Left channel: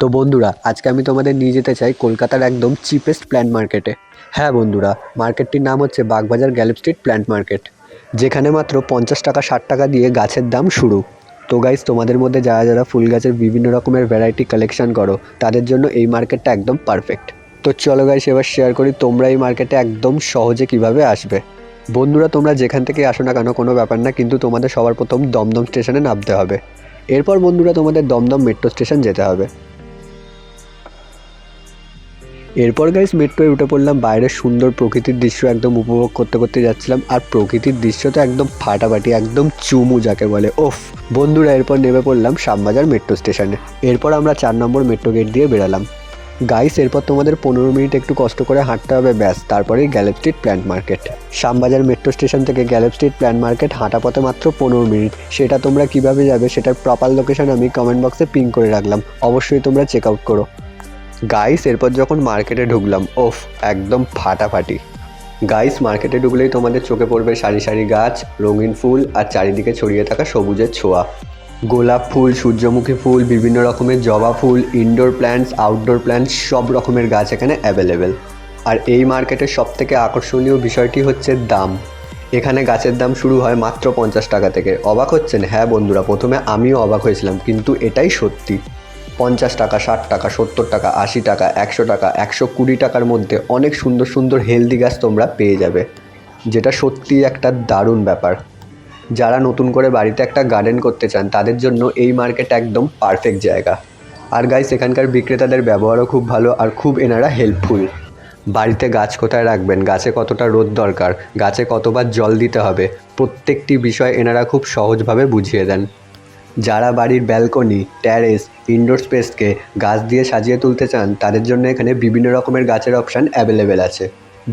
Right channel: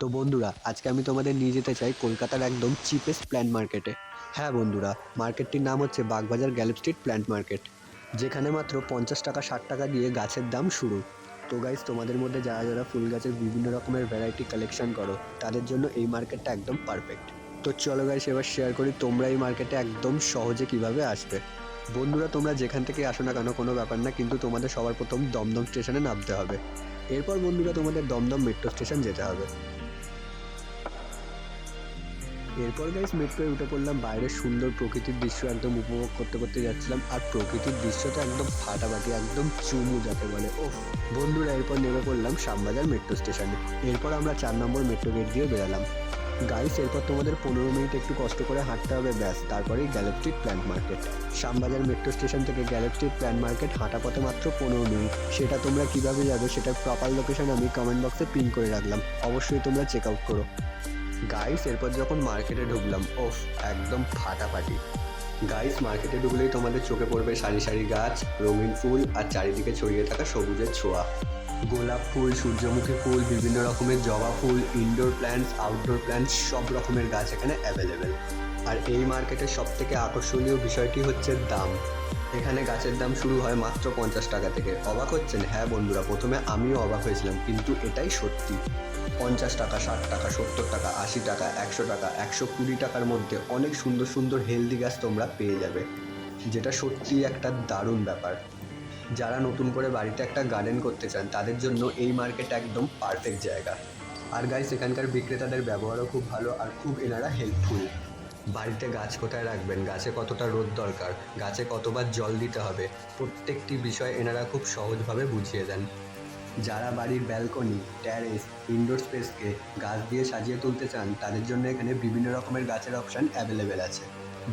তো বন্ধুরা, আজকে আমি তোমাদের নিয়ে যেতে চাই কলকাতার একদম চিপেস্ট প্ল্যান্ট মার্কেটে। হ্যাঁ বন্ধুরা, মার্কেটটির নাম হচ্ছে Bagbazar Galiff Street plant market, যেখানে মাত্র 50 টাকা 60 টাকা দিয়ে গাছের দাম শুরু। তো গাইস, তোমাদের মধ্যে যারা যারা ফুল গাছের বিভিন্ন রকমের ভ্যারাইটি কালেকশন করো, তাদের জন্য এই মার্কেটটা একদম পারফেক্ট। তো চলো গাইস, এবার শেয়ার করি তোমরা এই মার্কেটে একদম সহজে কিভাবে আসবে। বন্ধুরা, তোমরা যেখান থেকে আসো না কেন কোনো ব্যাপার না, কিন্তু তোমাদের সবার প্রথম দমদম স্টেশনে নামতে হবে। এরপর বন্ধুরা তোমাদের দমদম মেট্রো স্টেশন যেতে হবে। এরপর গাইস মেট্রোয় উঠে পড়লাম, বাইরের সুন্দর প্রকৃতির দৃশ্য একদম উপভোগ করতে করতে যাচ্ছিলাম। আর প্রকৃতির দৃশ্য তো একদম ফাটাফাটি, একদম চুমু যাকে বলে। ওফ বন্ধুরা, এরপর নেমে পড়লাম শ্যামবাজার মেট্রো স্টেশনে। এরপর আমরা 4 নম্বর মেট্রো গেট দিয়ে বেরালাম। গাইস, এরপর তোমাদের 15 মিনিট একটু কষ্ট করে হাঁটতে হবে, ব্যাস তারপরেই Galiff Street plant market. Shyambazar metro station থেকে গ্যালেপ স্ট্রিট প্ল্যান্ট মার্কেট হাঁটা পথে মাত্র 15 মিনিট। সেটা তোমরা কিভাবে যাবে সেটার প্রপার লোকেশন আমি কমেন্ট বক্সে পিন করে রাখলাম, অবশ্যই তোমরা চেক আউট করো। গাইস, এরপর যখন মার্কেটে ঢুকলাম, ওফ একদম ফাটাফাটি। গাইস, মার্কেটে ঢুকলেই তোমাদের চোখে পড়বে সারি সারি গাছ, রঙিন ফুল আর চারিদিকে ছড়িয়ে থাকা সবুজের ছোঁয়া। গোলাপ ফুল, সূর্যমুখী ফুল, বিভিন্ন রকমের জবা ফুল, ইনডোর প্ল্যান্টস, আউটডোর প্ল্যান্টস, সব রকমের গাছ এখানে অ্যাভেলেবেল। আর এই মার্কেটের সবথেকে আকর্ষণীয় বিষয়টি হচ্ছে দাম। এখানে গাছের দাম শুরু হয় মাত্র 50 টাকা থেকে। অবাক হচ্ছেন? হ্যাঁ বন্ধুরা, প্রথমে আমিও অবাক হয়েছিলাম, কিন্তু এটাই সত্যি। 50 টাকা, 60 টাকা, 70 টাকা, 80 টাকা, 100 টাকা, 120 টাকার মধ্যে অনেক সুন্দর সুন্দর হেলদি গাছ তোমরা পেয়ে যাবে, যেটা সত্যিই একটা দারুণ ব্যাপার। যারা নতুন করে বাড়িতে একটা গার্ডেন করতে চান, তাদের জন্য এই মার্কেট একদম পারফেক্ট জায়গা। আর গাইস, এখানকার বিক্রেতাদের ব্যবহারও খুব ভালো আর খুব এনারা হেল্পফুল। বাড়িতে গাছ কোথায় রাখবেন, গাছে কতটা রোদ দরকার, গাছে কতবার জল দিতে হবে, প্রত্যেকটি বিষয় এনারা খুব সহজভাবে বুঝিয়ে দেন। যারা বাড়ির ব্যালকনি, ট্যারেস, ইনডোর স্পেসকে গাছ দিয়ে সাজিয়ে তুলতে চান, তাদের জন্য এখানে বিভিন্ন রকমের গাছের অপশান অ্যাভেলেবেল আছে।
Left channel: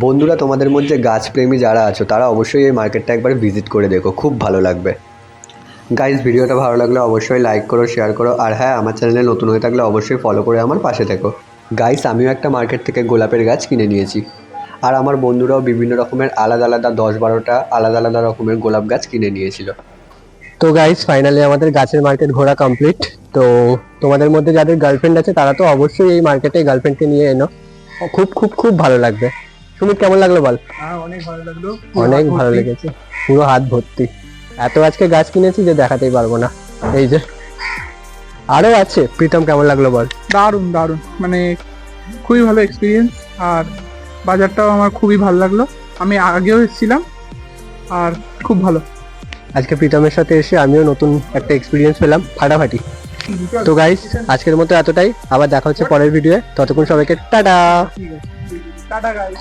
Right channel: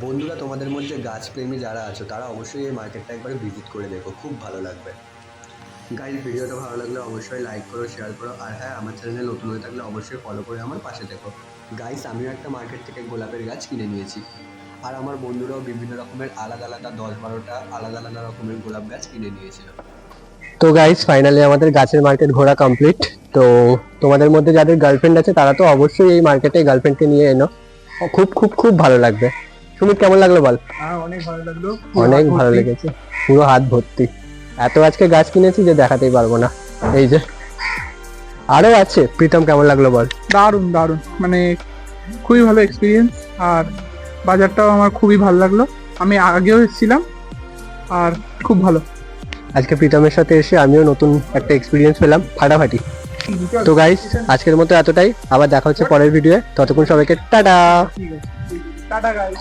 বন্ধুরা, তোমাদের মধ্যে গাছপ্রেমী যারা আছো, তারা অবশ্যই এই মার্কেটটা একবার ভিজিট করে দেখো, খুব ভালো লাগবে। গাইজ, ভিডিওটা ভালো লাগলে অবশ্যই লাইক করো, শেয়ার করো, আর হ্যাঁ, আমার চ্যানেলে নতুন হয়ে থাকলে অবশ্যই ফলো করে আমার পাশে থেকো। গাইজ, আমিও একটা মার্কেট থেকে গোলাপের গাছ কিনে নিয়েছি, আর আমার বন্ধুরাও বিভিন্ন রকমের আলাদা আলাদা 10-12টা আলাদা আলাদা রকমের গোলাপ গাছ কিনে নিয়েছিল। তো গাইস, ফাইনালি আমাদের গাছের মার্কেট ঘোরা কমপ্লিট। তো তোমাদের মধ্যে যাদের গার্লফ্রেন্ড আছে, তারা তো অবশ্যই এই মার্কেটে গার্লফ্রেন্ডকে নিয়ে এনো, খুব খুব খুব ভালো লাগবে। সুমিত, কেমন লাগলো বল? অনেক ভালো লাগলো, অনেক ভালো লেগেছে, পুরো হাত ভর্তি। এত আজকে গাছ কিনেছি যে দেখাতেই পারবো না। এই যে আরো আছে। প্রীতম, কেমন লাগলো বল? দারুণ দারুণ, মানে খুবই ভালো এক্সপিরিয়েন্স। আর বাজারটাও আমার খুবই ভালো লাগলো, আমি আগেও এসেছিলাম আর খুব ভালো। আজকে প্রীতমের সাথে এসে আমিও নতুন একটা এক্সপিরিয়েন্স পেলাম, ফাটাফাটি। তো গাইস, আজকের মতো এতটাই, আবার দেখা হচ্ছে পরের ভিডিওয়ে। ততক্ষণ সবাইকে টাটা। ঠিক আছে, টাটা গাইস।